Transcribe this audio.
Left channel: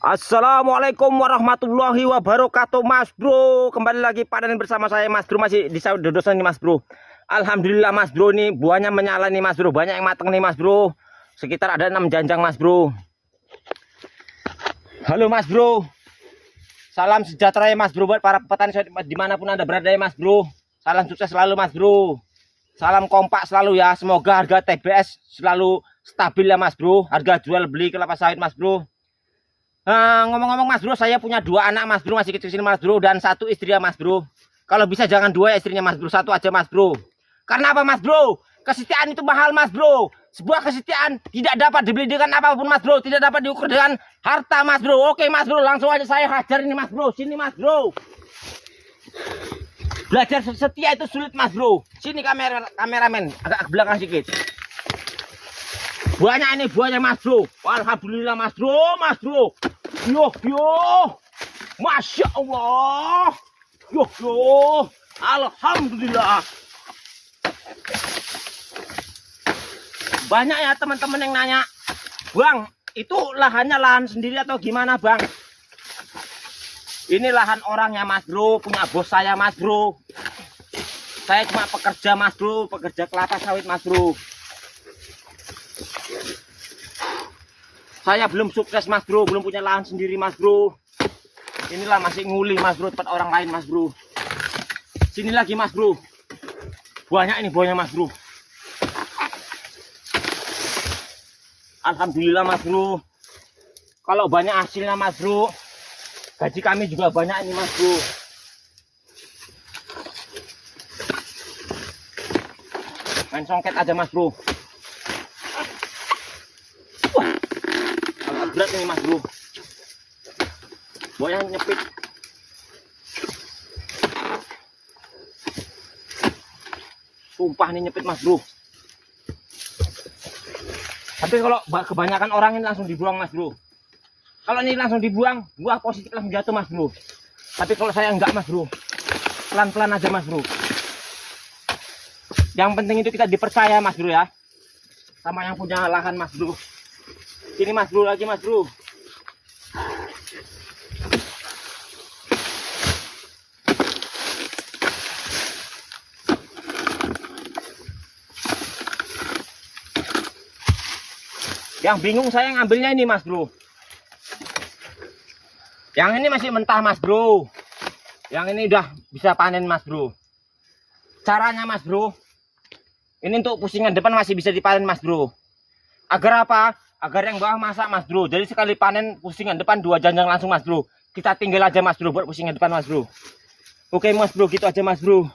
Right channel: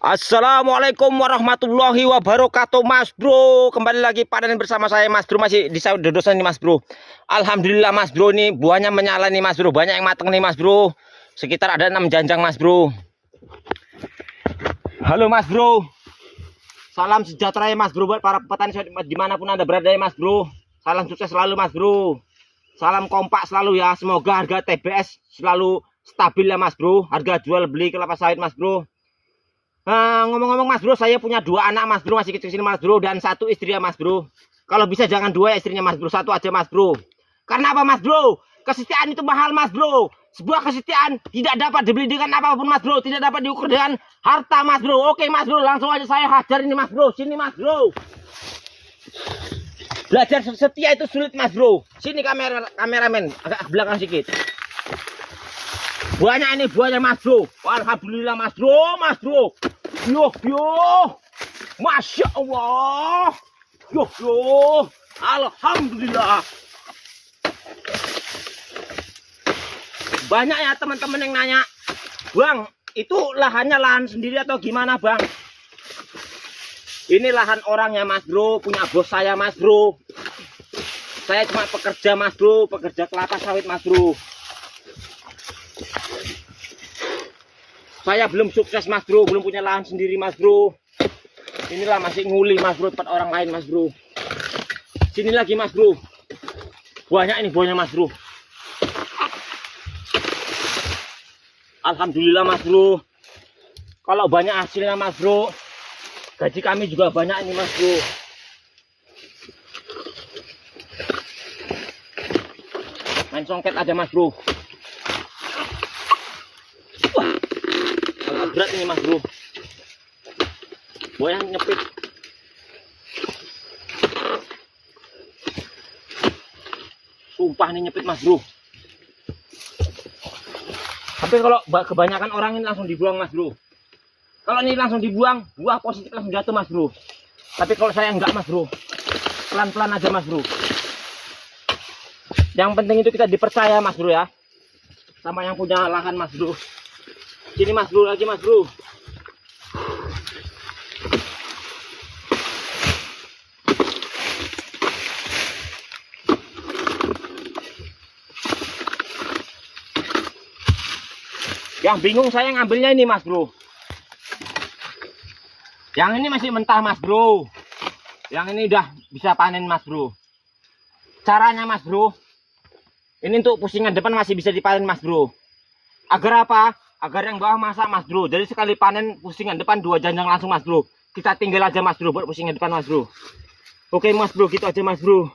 Assalamualaikum warahmatullahi wabarakatuh, Mas Bro. Kembali lagi panen bersama saya, Mas Bro. Masih di sawah dodosan nih, Mas Bro. Alhamdulillah, Mas Bro, nih buahnya menyala nih, Mas Bro. Banyak yang mateng nih, Mas Bro. Sekitar ada 6 janjang, Mas Bro. Halo, Mas Bro. Salam sejahtera ya, Mas Bro, buat para petani dimanapun Anda berada ya, Mas Bro. Salam sukses selalu, Mas Bro. Salam kompak selalu ya. Semoga harga TBS selalu stabil ya, Mas Bro. Harga jual beli kelapa sawit, Mas Bro. Ngomong-ngomong, Mas Bro, saya punya 2 anak, Mas Bro, masih kecil-kecil, Mas Bro, dan 1 istri ya, Mas Bro. Kalau bisa jangan 2 ya istrinya, Mas Bro, 1 aja, Mas Bro. Karena apa, Mas Bro? Kesetiaan itu mahal, Mas Bro. Sebuah kesetiaan tidak dapat dibeli dengan apapun, Mas Bro. Tidak dapat diukur dengan harta, Mas Bro. Oke, Mas Bro, langsung aja saya hajar ini, Mas Bro. Sini, Mas Bro. Belajar setia itu sulit, Mas Bro. Sini kameramen, agak ke belakang sedikit. Banyak ini buahnya, Mas Bro. Alhamdulillah, Mas Bro, Mas Bro. Yo, Masya Allah. Yo, Alhamdulillah. Banyak ya teman-teman yang nanya, Bang, itu lahannya lahan sendiri atau gimana, Bang? Ini lahan orangnya, Mas Bro, punya bos saya, Mas Bro. Saya cuma pekerja, Mas Bro, pekerja kelapa sawit, Mas Bro. Saya belum sukses, Mas Bro, belum punya lahan sendiri, Mas Bro. Inilah masih nguli, Mas Bro, tempat orang lain, Mas Bro. Sini lagi, Mas Bro. Banyak ini buahnya, Mas Bro. Alhamdulillah, Mas Bro. Kalau banyak hasilnya, Mas Bro, gaji kami juga banyak ini, Mas Bro. Main songket aja, Mas Bro. Berat ini, Mas Bro. Buahnya nyepit. Sumpah nih nyepit, Mas Bro. Tapi kalau kebanyakan orang ini langsung dibuang, Mas Bro. Kalau ini langsung dibuang, buah positif langsung jatuh, Mas Bro. Tapi kalau saya enggak, Mas Bro. Pelan-pelan aja, Mas Bro. Yang penting itu kita dipercaya, Mas Bro, ya. Sama yang punya lahan, Mas Bro. Sini, Mas Bro, lagi, Mas Bro. Yang bingung saya ngambilnya ini, Mas Bro. Yang ini masih mentah, Mas Bro. Yang ini udah bisa panen, Mas Bro. Caranya, Mas Bro, ini untuk pusingan depan masih bisa dipanen, Mas Bro. Agar apa? Agar yang bawah masak, Mas Bro. Jadi sekali panen pusingan depan 2 janjang langsung, Mas Bro. Kita tinggal aja, Mas Bro, buat pusingan depan, Mas Bro. Oke, Mas Bro, gitu aja, Mas Bro.